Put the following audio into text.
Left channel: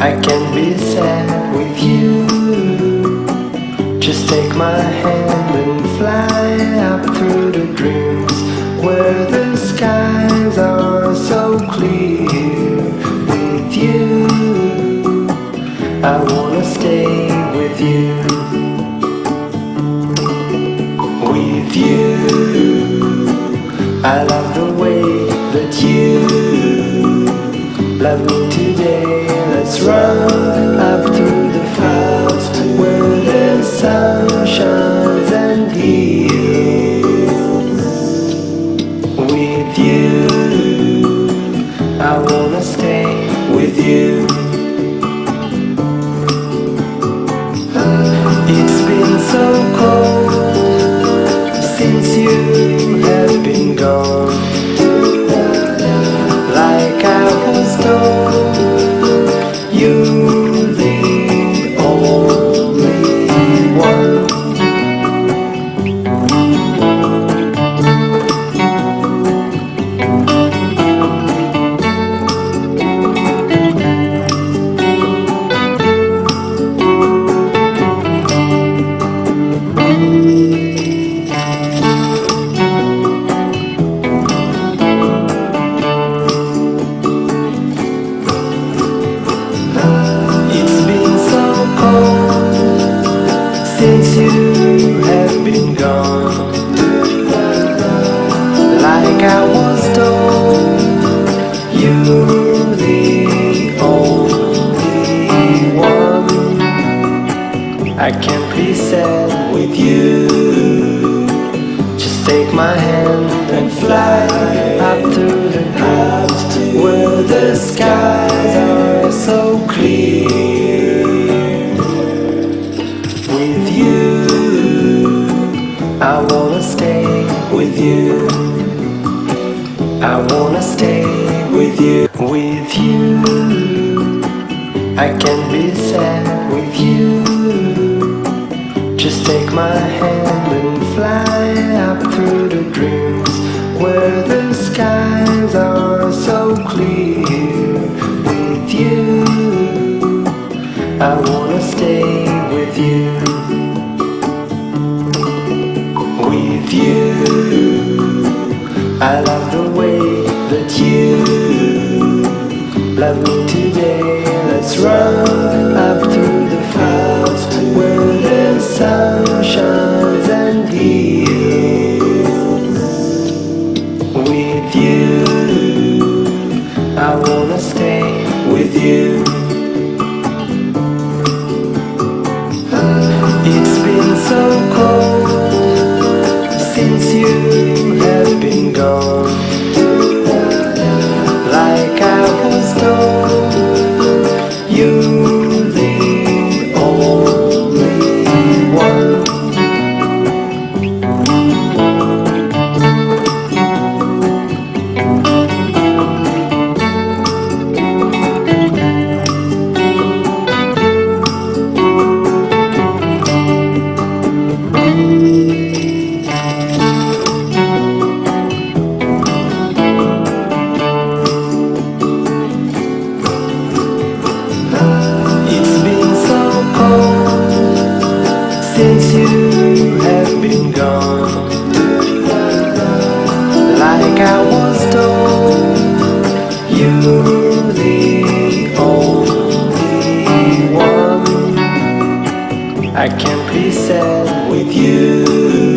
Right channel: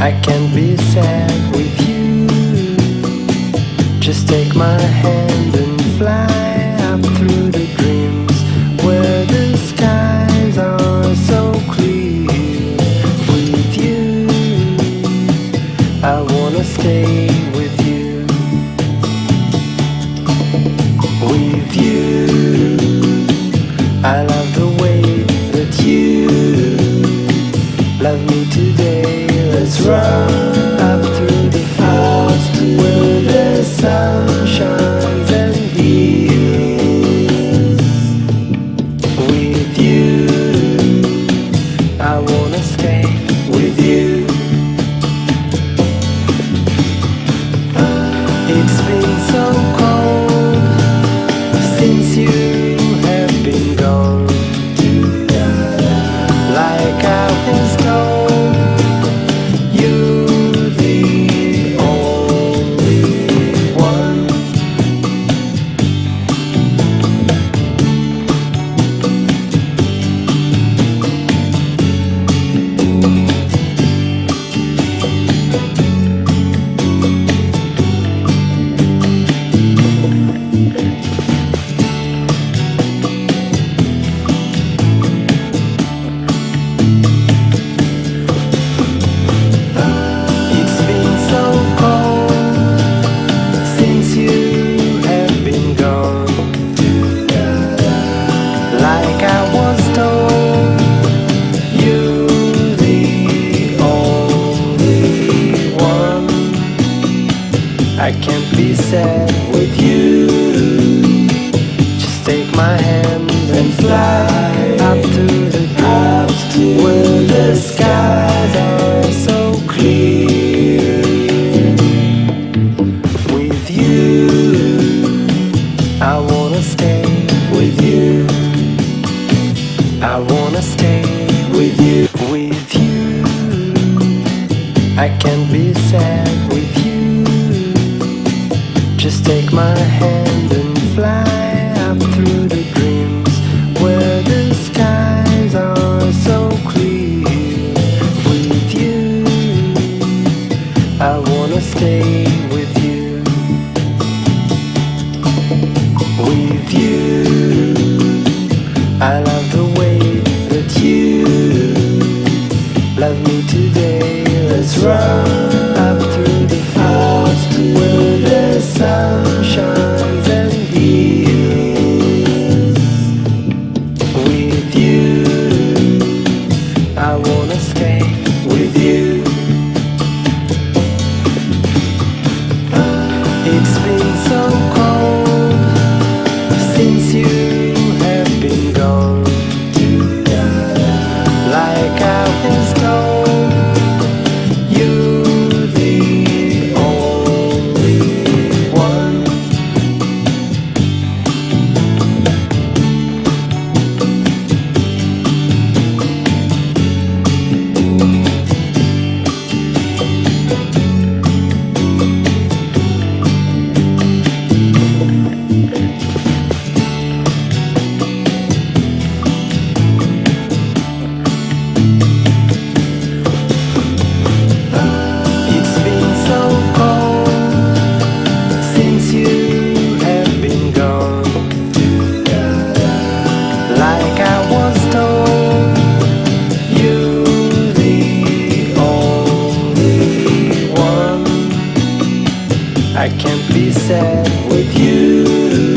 I can't be sad with you. Just take my hand and fly up through the dreams where the skies are so clear. With you, I wanna stay with you. With you, I love the way that you love me today. Let's run up through the fields where the sun shines and heals. With you, I wanna stay with you. It's been so cold since you have been gone. Like I was told, you're the only one. It's been so cold since you have been gone. Like I was told, you're the only one. I can't be sad with you. Just take my hand and fly up to the clouds where the skies are so clear. With you, I wanna stay with you. I wanna stay with you. With you, I can't be sad with you. Just take my hand and fly up through the dreams where the skies are so clear. With you, I wanna stay with you. With you, I love the way that you love me today. Let's run up through the fields where the sun shines and heals. With you, I wanna stay with you. It's been so cold since you have been gone. Like I was told, you're the only one. It's been so cold since you have been gone. Like I was told, you're the only one. I can't be sad with you.